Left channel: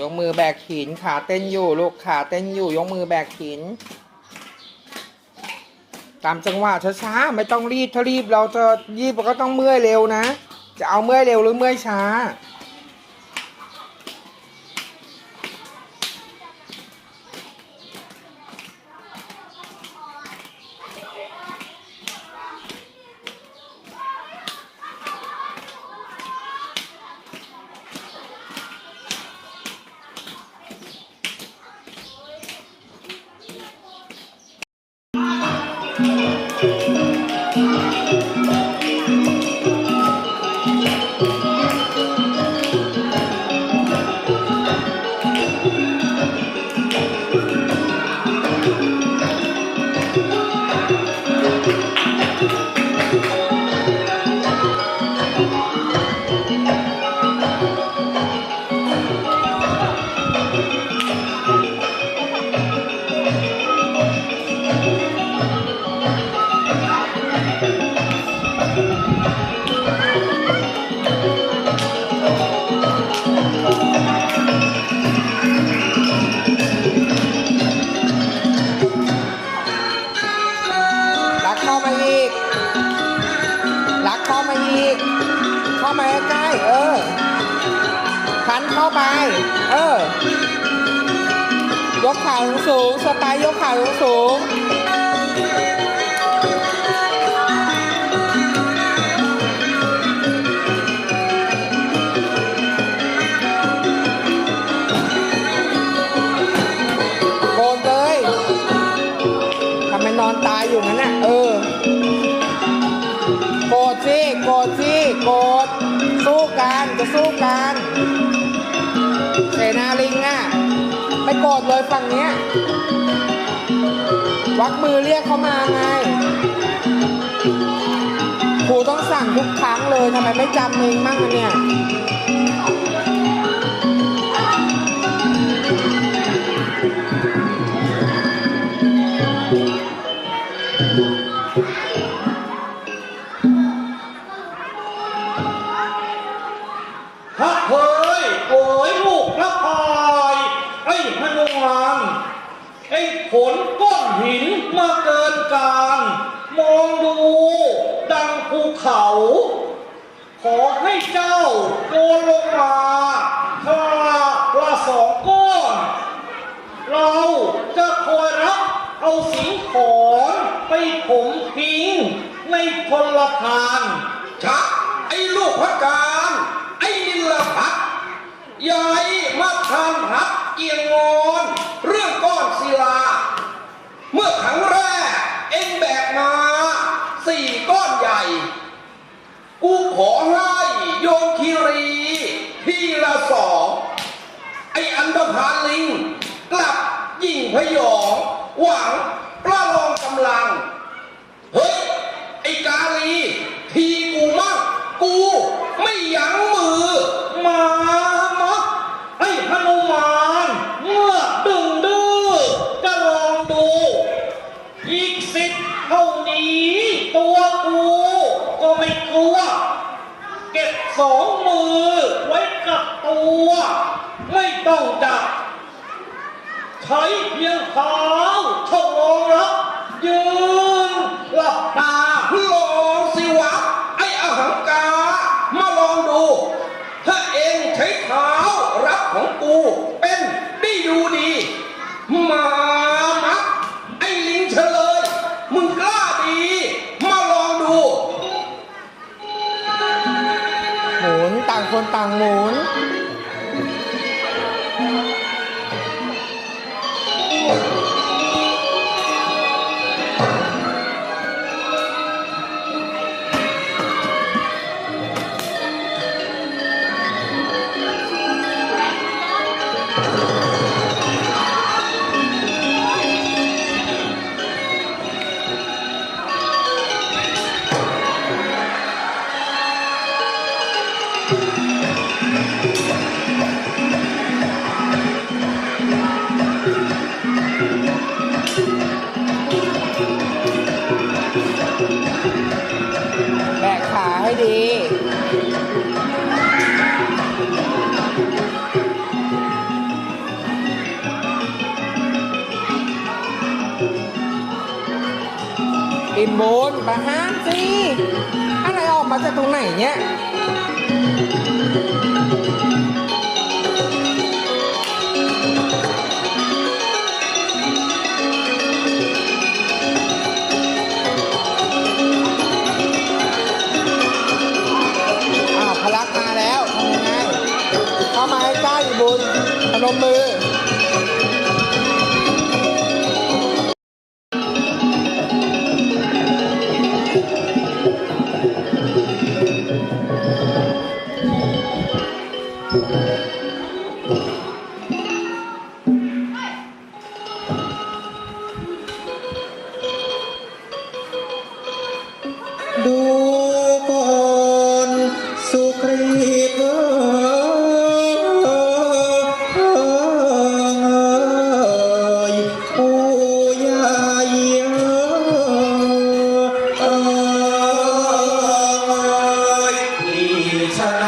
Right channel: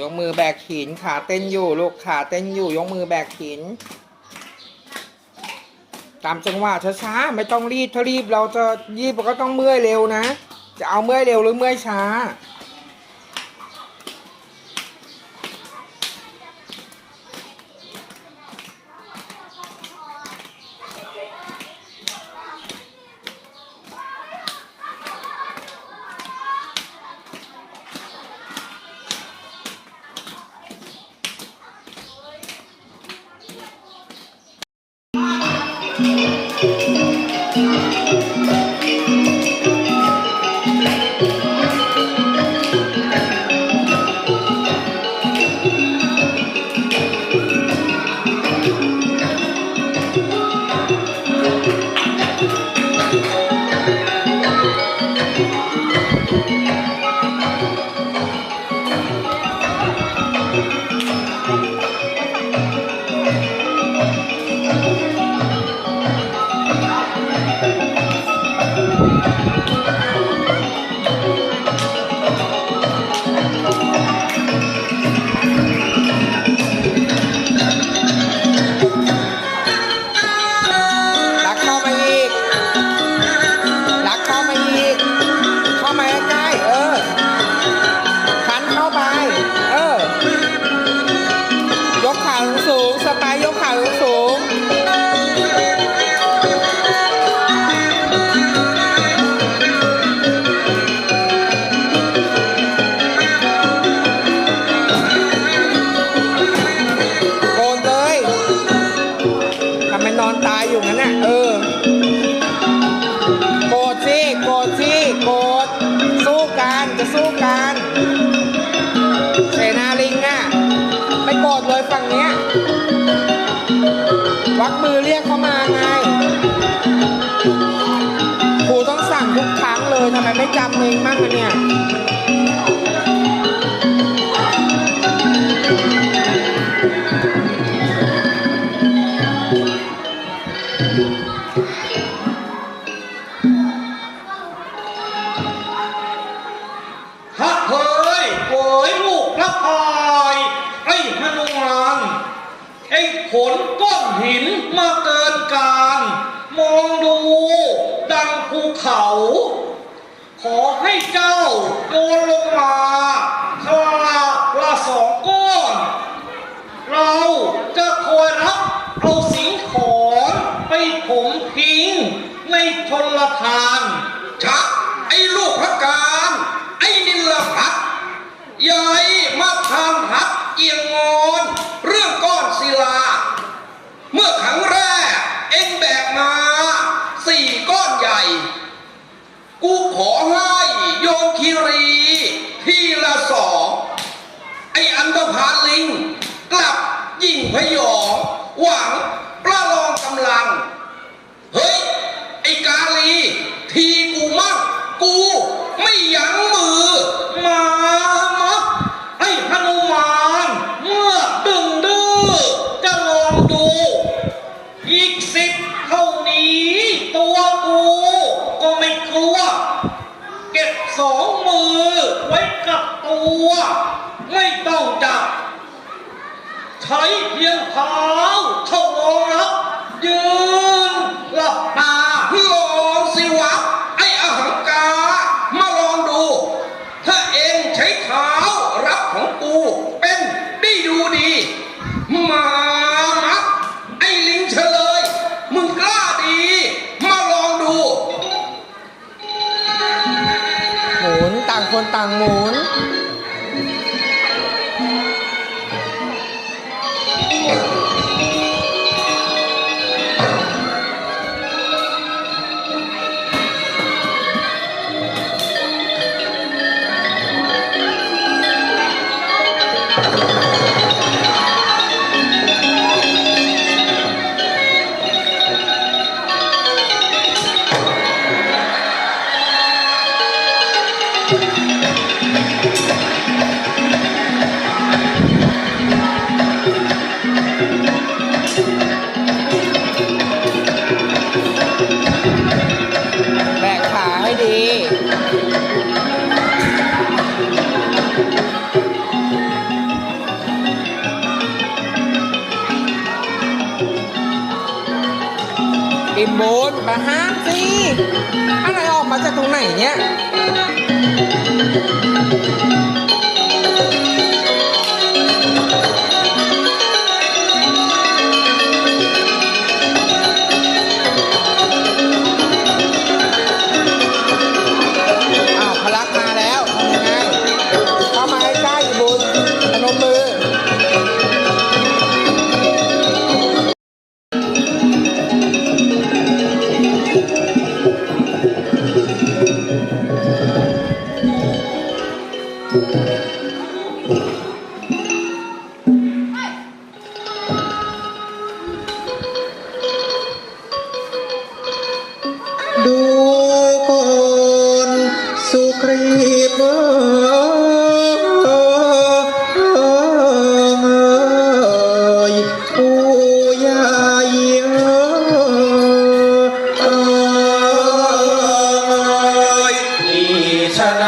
ยกมือแบกหินขาเต้นอยู่ลูกขาเต้นอยู่ยกมือแบกหิน ตามจังหวะช้าๆไม่ต้องรีบถ้ารีบเราจะรีบเราก็ต้องเมื่อยเร็วนะ จะเอาเมื่อยเร็วหรือเมื่อยช้า วักมือเรียกเขามาไงครูต้องสั่งทุกครั้งเลยทำไมไม่จำมึงมั่งอะเนี่ยฮักเฮ้ยโวยลูกละพายไอ้มนุมาน ไอ้ขนก้อนหินมาเกินการ มองดู ดังภูเขา ขอให้เจ้าโยนลงมาคลาละสองก้อน เราจะคอยรับเอาสิ่งของไปผมทิ้งในชนลทานชักไอ้ลูกพระการ ไอ้นิลพัฒ ยายมาทำพัดเอียงงอนเรื่องก้อนศิลา เมื่อครั้งแรกเอ็งแบกมาสี่ก้อนใหญ่ กูขอให้โยนคีรี ทีละสองไออันธพาลลิง กลับยิงพยอง หวังประลองกำลัง เฮ้ย ไอกาลี ทีกูมั่งกูไม่ยั้ง สองมือไว้กับตัว ไม่ต้องจับ ใช้เพียงเท้าเท่านั้นยืนหลับตาลองสิวะ ไอ้อหังกา มาลองดู ถ้าเองใช้เท้ารับของกูเป็ พนม นี่ชะไ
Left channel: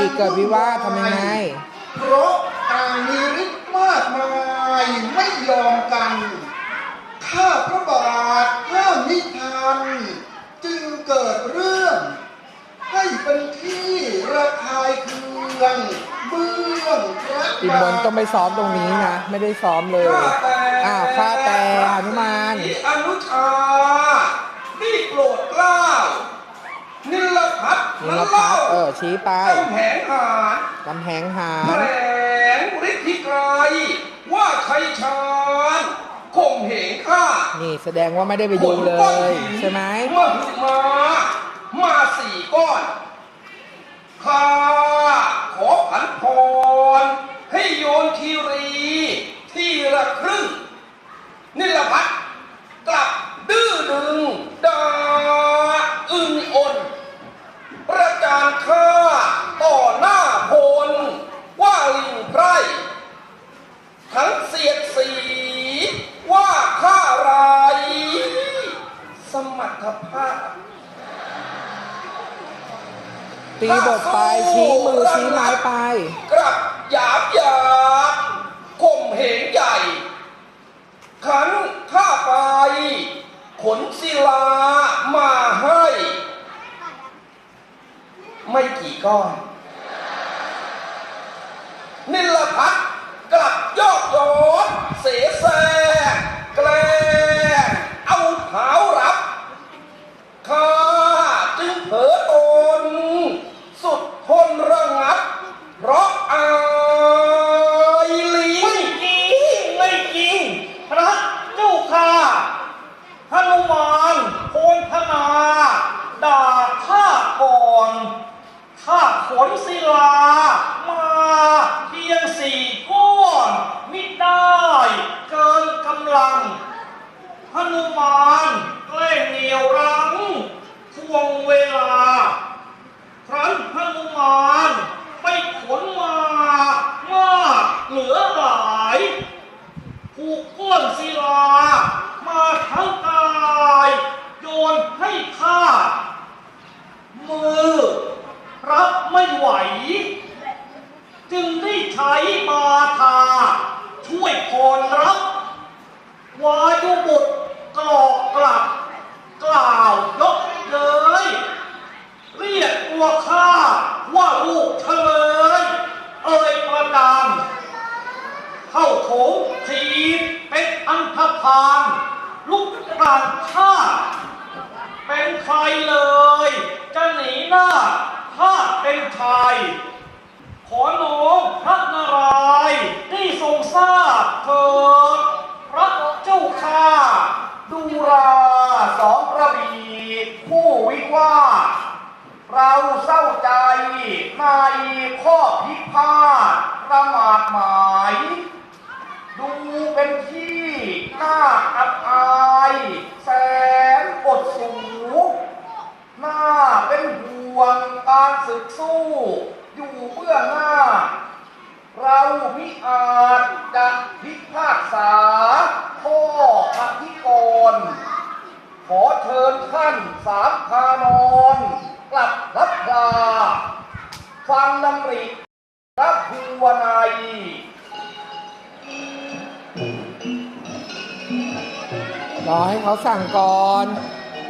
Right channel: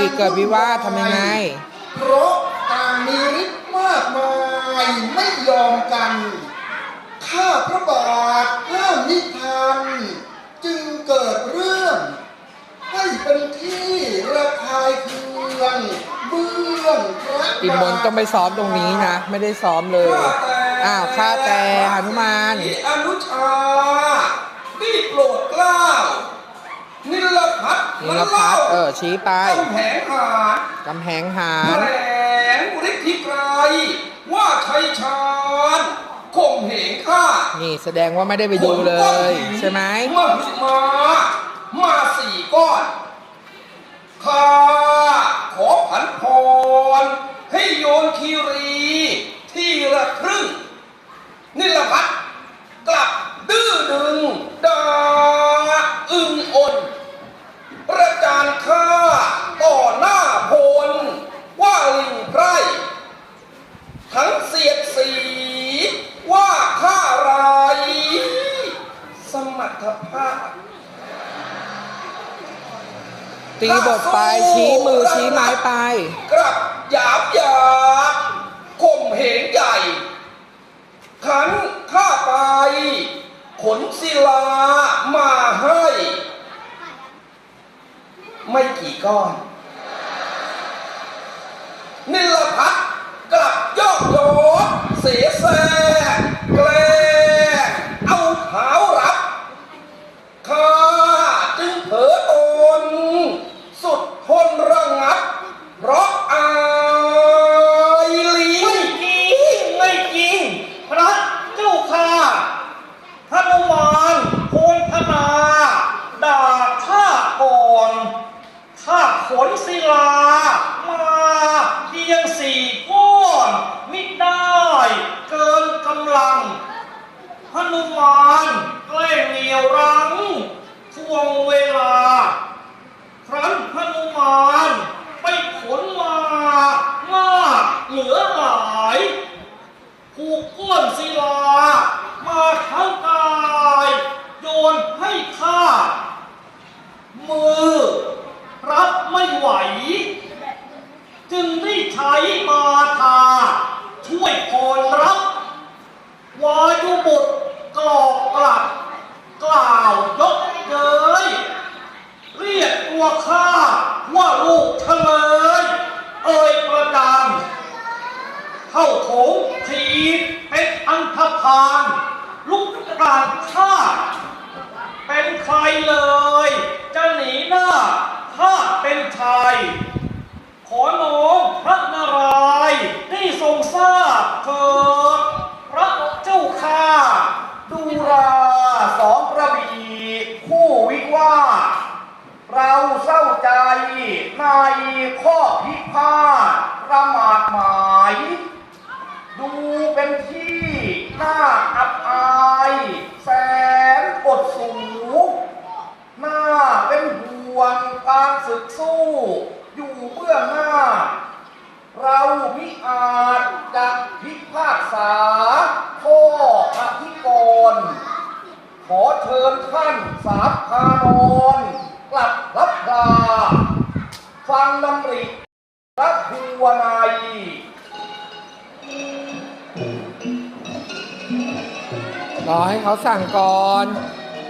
าทสองกระบี่เกิดวิวาททำยังไง เพราะต่างมีฤทธิ์มากมายไม่ยอมกัน ข้าพระบาทห้ามนิทานจึงเกิดเรื่อง ให้เป็นที่ระคายเคืองเบื้องพระอิ่มบุญต้องไปซ้อมตรงนี้นะ ไม่ได้ซ้อมเลย อ้าวข้าแต่หนุมานอนุชาได้โปรดเกล้า นิลพัฒ น์นิลพัฒน์เออชี้ไปกำแหงหาดกำแหงหาแถรลงฤทธิไกรว่าชัยชาญข่มเหงข้านี่แสดงว่าไม่ได้ไปดูเลย ใช่ไหมเมื่อหึมามาสี่ก้อนข้าขอผันพรให้โยนคีรี ที่ละครึ่ง นิลพัฒน์กลับดื้อดึงดาอึนอนประจานข้าต่อหน้าพลว่าลิงไพร ทั้งเสียดสี ว่าข้าไร สมรรถภาพ ตีบทไป ชี้มือชี้ไม้ไป กลับหยาบหยาบข่มเหงใหญ่ ขันข้าไป ขนศิลามาให้ ไม่กี่ก้อน นิลพัฒน์กลับยอกล้อ เสแสร้งแกล้งเอาเท้ารับ ข้าจึงเผลอตน สุดทนระงับ เพราะอายลิง ไม่จริงไม่จริง พระเจ้าค่ะพนุมานโพนพนา ด่าข้าก่อน ข้าขนศิลา มาเพียงสี่ก้อนมิได้เกินกำลังพนุมานแกล้งเหนียวรั้งทวงเวลา ครั้นพนุมานไปขนมามาก เหลือหลายผูกก้อนศิลา มาทั้งกาย โยนให้ข้า มือ รับไม่ไหว จึงได้ใช้มาทา ช่วยพรรับ วายุบุตรกรอกกลับ กล่าวยกเย้ยเรียกตัวข้าว่าลูก เข้าโถงทีบเป็นอันธพาลลุกกลางข้าเป็นใครเลย จะหนีหน้าข้าเป็นชาย ขอน้อมพระนารายณ์ได้ทรงทราบเถิดพระเจ้าข้า ดูราสองกระบี่คู่วิวาทเราเศร้าใจในข้อพิพาท ประมาทหมาย ดูเป็นที่น่าอับอายแสนอดสูหน้าเป็นห่วงการศึกสู้ อยู่เบื้องหน้า เรามิอาจจะพิพากษาข้ออธิกรณ์ขอเชิญท่านสาพานอนกลับรับลาฟังดำริ รับภูวนัยรอให้เขาสั่งก่อน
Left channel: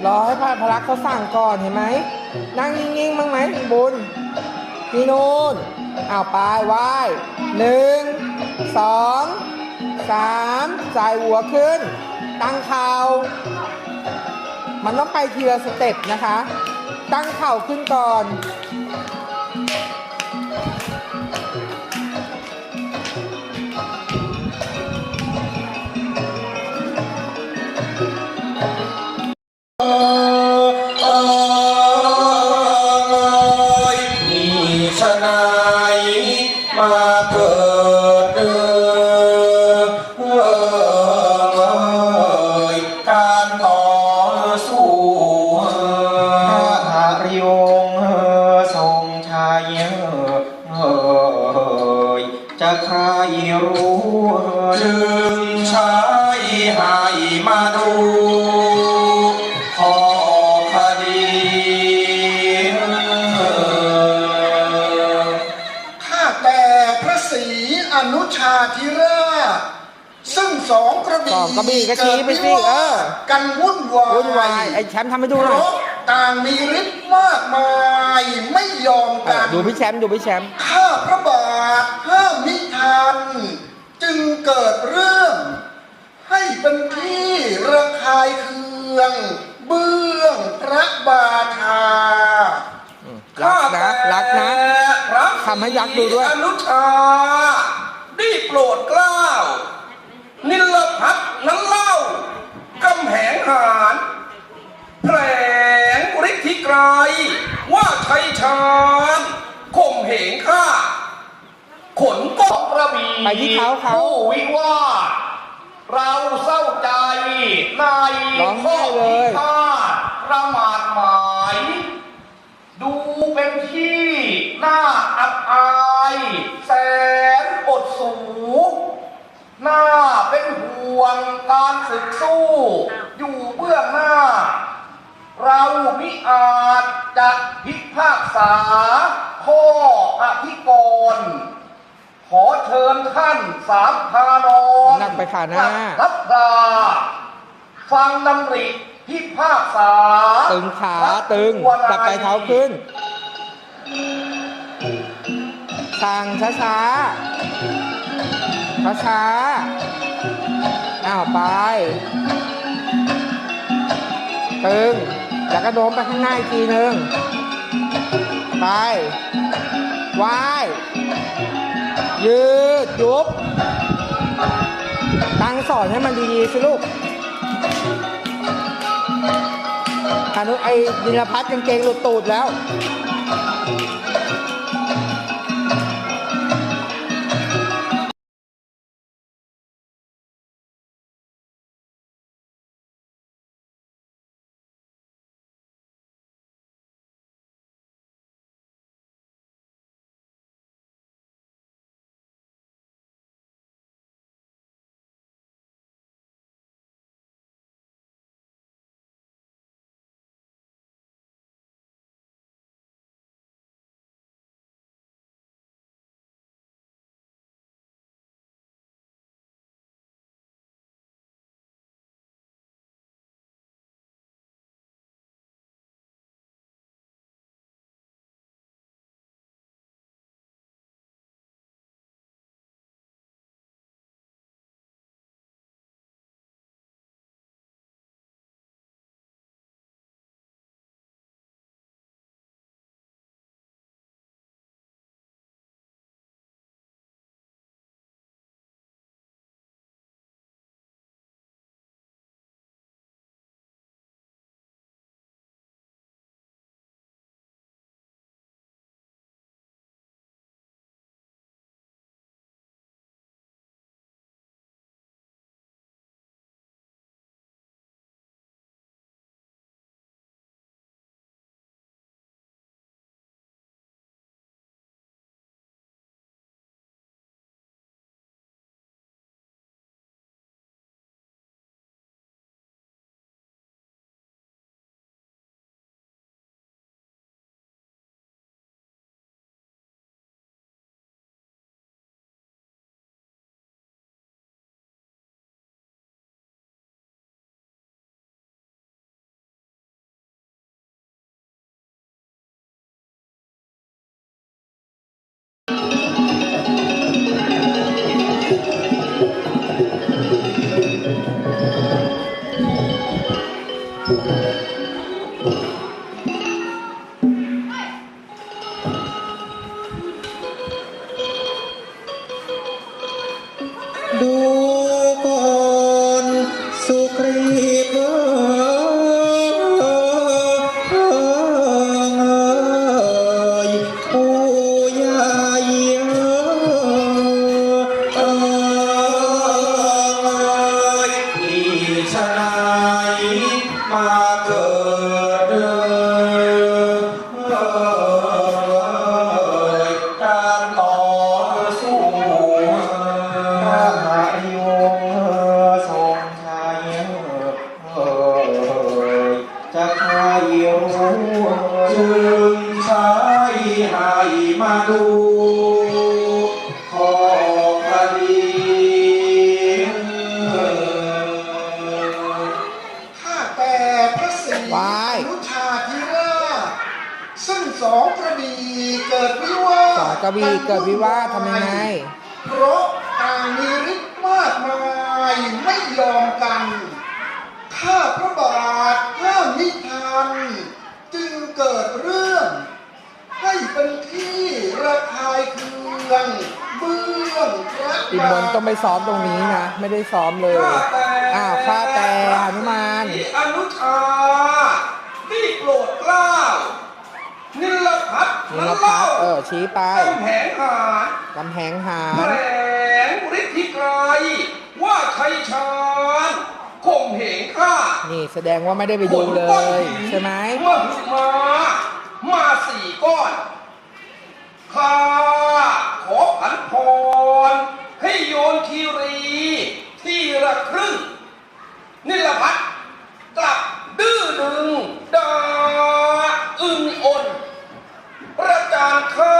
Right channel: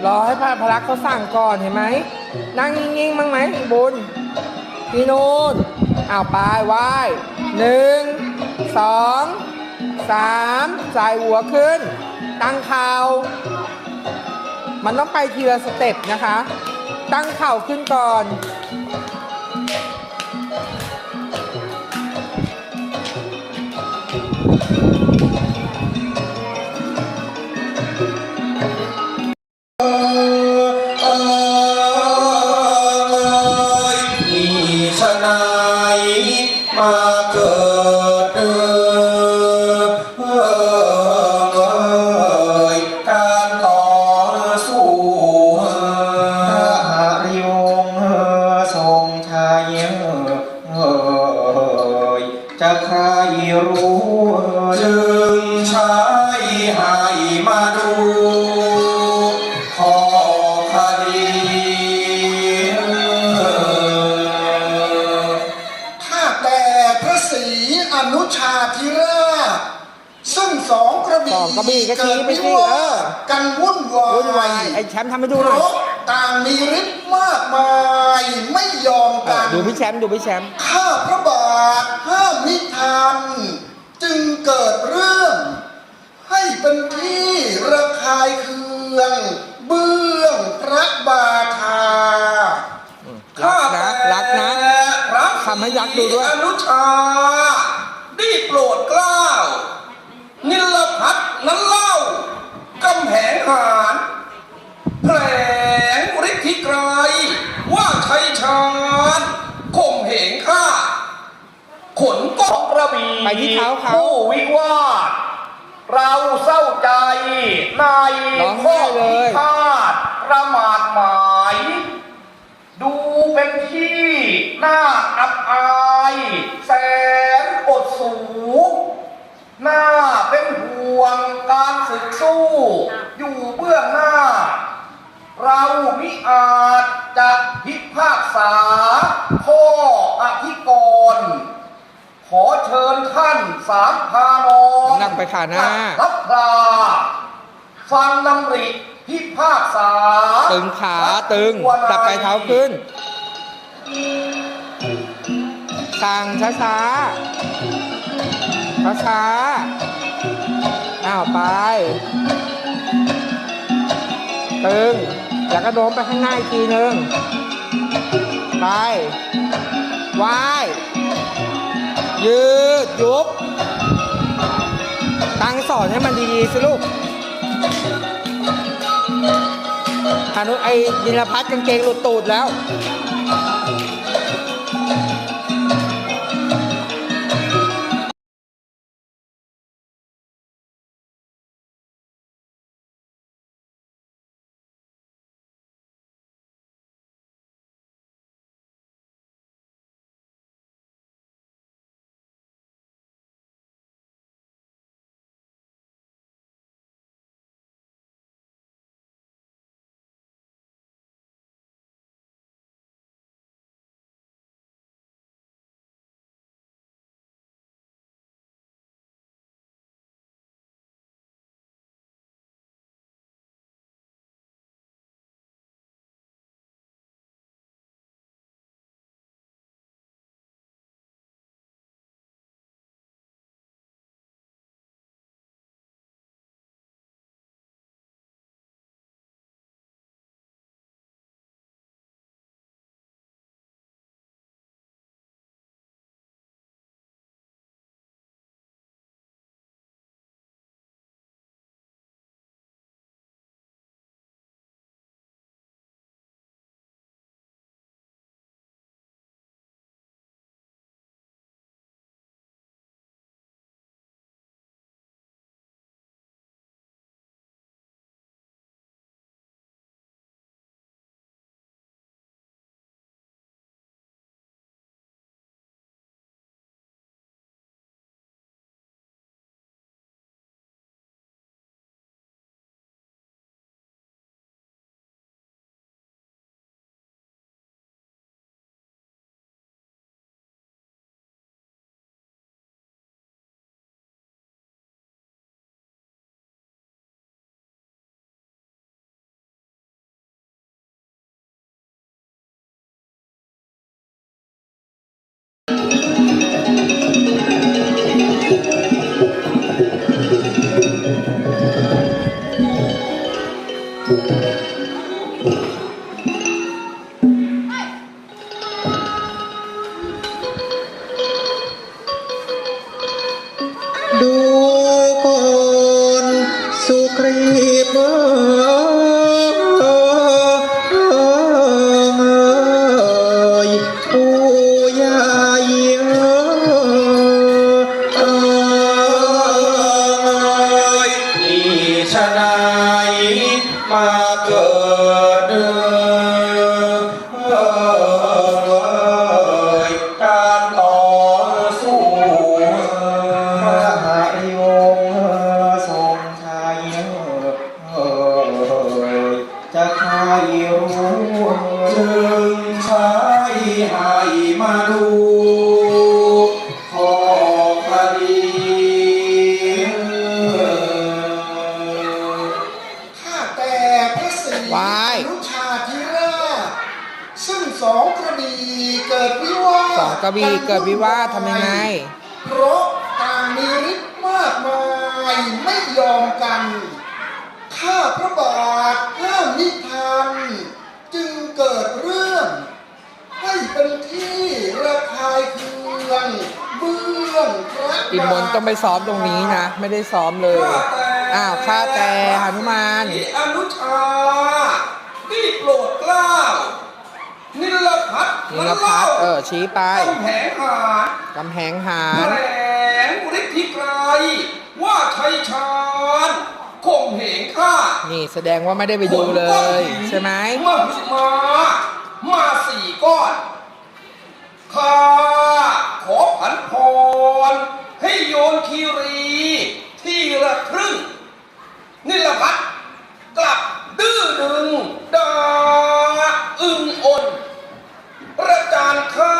รอให้พระพลักษ์เขาสั่งก่อนเห็นไหม นั่งนิ่งๆมั้างไหมบุญพี่นูนอ้าวไปไหว้หนึ่งสองสามสายหัวขึ้น ตั้งเข่ามันต้องไปทีละสเต็ปนะคะ ตั้งเข่าขึ้นก่อน ม วุ่นวายวุ่นวายไอ้แชมป์ทำให้ดูหน่อยเพราะต่างมีฤทธิ์มากมายไม่ยอมเอกัอนดูพี่แชมป์ดูพี่แชมป์ข้าพระบาทห้ามมิทัน จึงเกิดเรื่อง ให้เป็นที่ระคายเคือง เบื้องพระบาทารักนะรักนะทำให้ยักษ์ดูด้วยอนุชาได้โปรดเกล้านิลพัฒน์นั้นเล่ากำแหงหาร แผลงฤทธิไกรว่าชัยชาญข่มเหงข้าขนสก็องกระบี่ไปที่เท้าเขา ผู้วิวาทเราเศร้าใจในร้องไห้เลยข้อพิพาทประมาทหมาย ดูเป็นที่น่าอับอาย แส ข้ออธิกรณ์ขอเชิญท่านสามพานอนนั่งไปขาหน้ารับดาฟังดำริพิพากษา ตึงขาตึงจับไปเท้าขึ้นสั่งช้าช้าช้าช้าๆอ้าวไป ตึง แล้วก็โน้มไปข้างหน้าอีกทีหนึ่ง ไปวายยืดยุบ ตั้งสอนให้มันดีๆสิลูกอนุไอ้ยินพัฒน์กางเกงหลุดตูดแล้ว good. เกิดวิวาททำยังไง เพราะต่างมีฤทธิ์มากมายไม่ยอมกัน ข้าพระบาทห้ามนิทานจึงเกิดเรื่อง ให้เป็นที่ระคายเคืองเบื้องพระอินมนต์ต้องไปซ้อมตรงนี้นะ ไม่ได้ซ้อมเลย อ้าวข้าแต่หนุมานอนุชาที่โปรดเกล้า นิลพัฒ น์นิลพัฒน์เออชี้ไปกำแหงหาดกำแหงหาแถรลงฤทธิไกรว่าชัยชาญข่มเหงข้านี่แสดงว่าไม่ได้ไปดูเลย ใช่ไหมเมื่อมามาสี่ก้อนข้าขอผันพรให้โยนคีรี ที่ละครึ่งนี่ละพัดกลับดื้อดึงดาอึงอนประจานข้า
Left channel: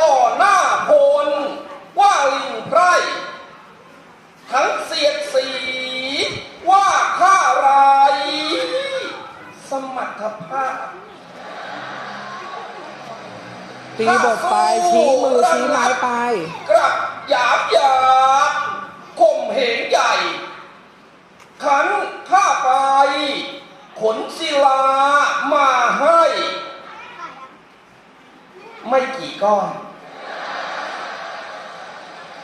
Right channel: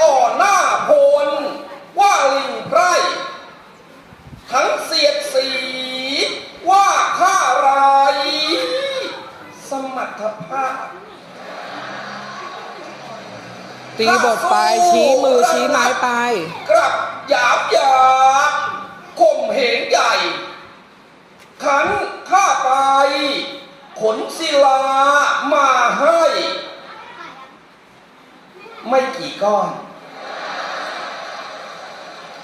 ต่อหน้าพล ว่าลิงไพร ทั้งเสียดสี ว่าข้าไร สมรรถภาพ ตีบทไปชี้มือชี้ไม้ไป กลับหยาบหยาบข่มเหงใหญ่ ขันข้าไป ขนศิลามาให้ ไม่กี่ก้อน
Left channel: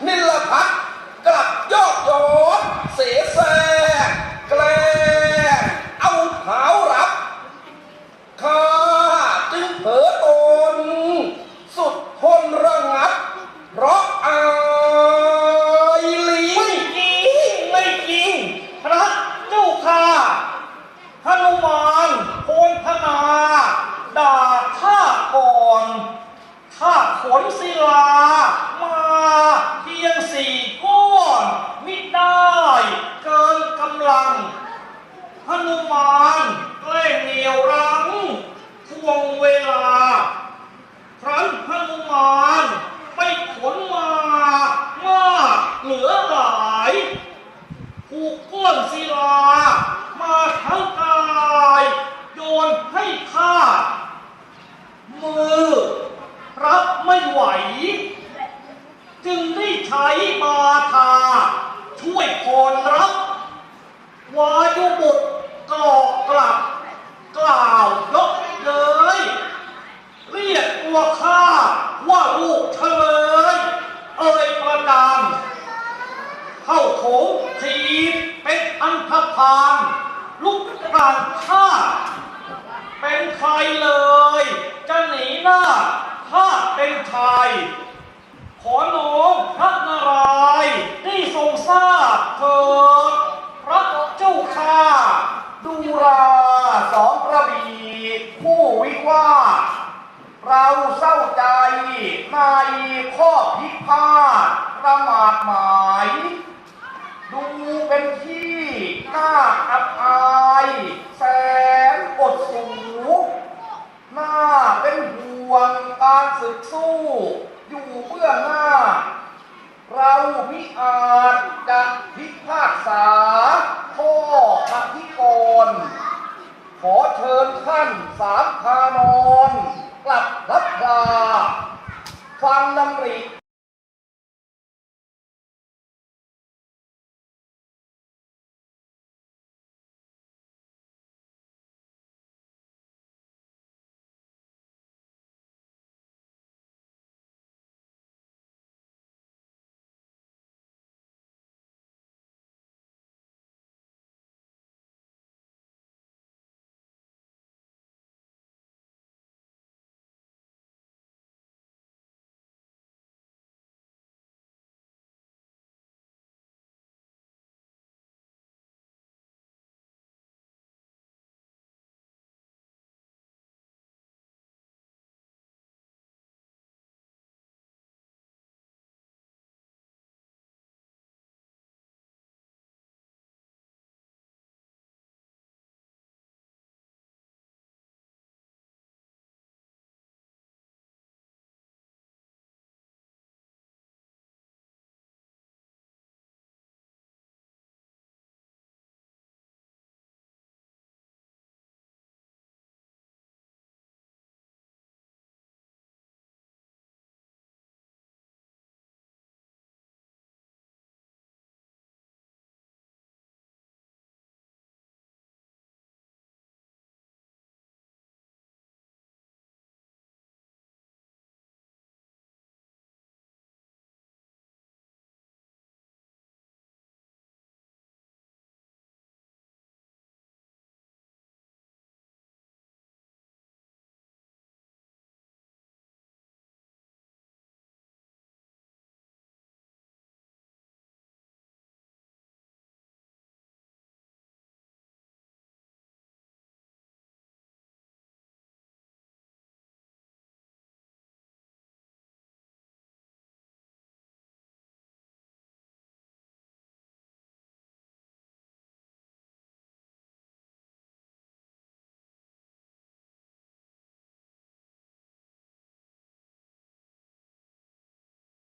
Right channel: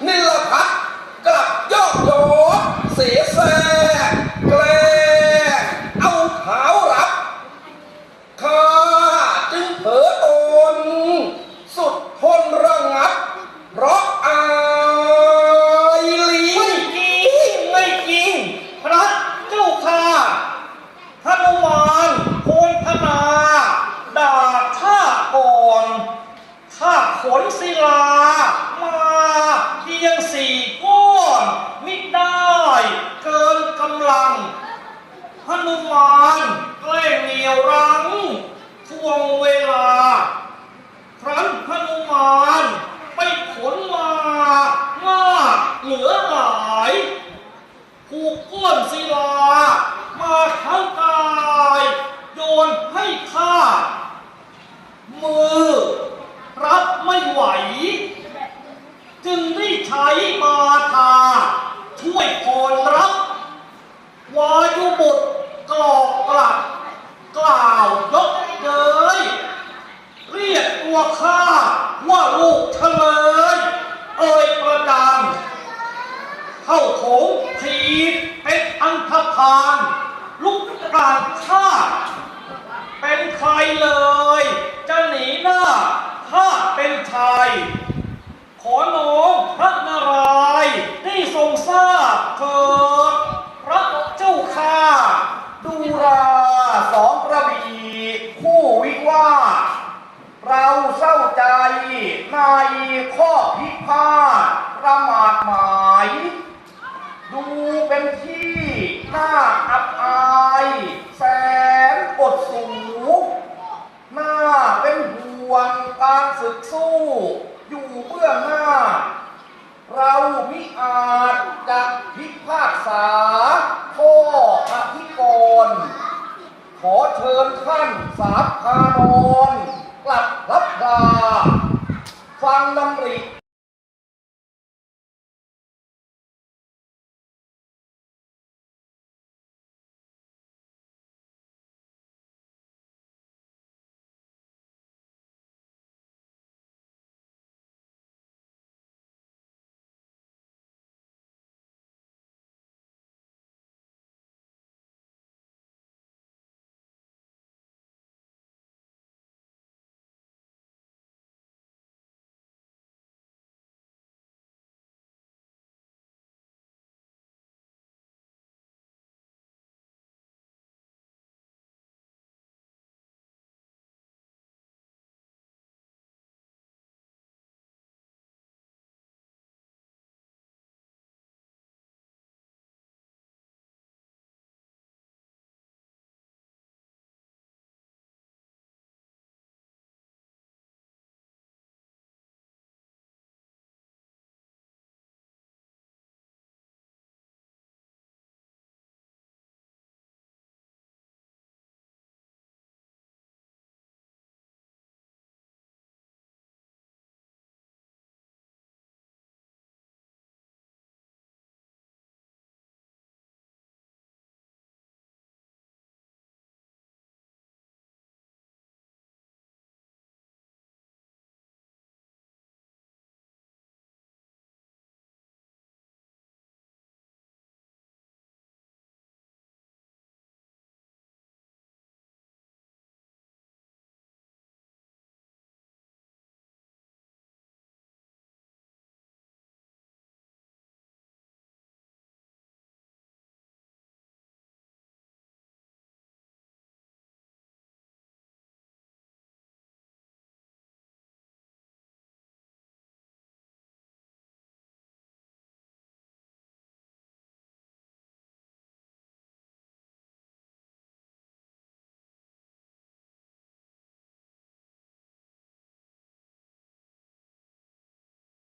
นิลพัฒน์กลับยอดยเสียแสแกลเอาเท้ารับ ข้าจึงเผลอตน สุดทนระงับ เพราะอายลิง ไม่จริง ไม่จริง พระเจ้าค่ะพนุมานโพนพนาด่าข้าก่อน ข้าขนศิลา มาเพียงสี่ก้อนมิได้เกินกำลัง พนุมานแกล้งเหนียวรั้งทวงเวลา ครั้นพนุมานไปขนมามากเหลือหลาย ผูกก้นศิลา มาทั้งกายโยนให้ข้า มือรับไม่ไหว จึงได้ใช้มาทา ช่วยพรรับ วายุบุตรก่อกลับ กล่าวยกเย้ยเรียกตัวข้า ลุกกลางข้าเป็นใครเลย จะหนีหน้าข้าเป็นชาย ขอน้อมพระนาราย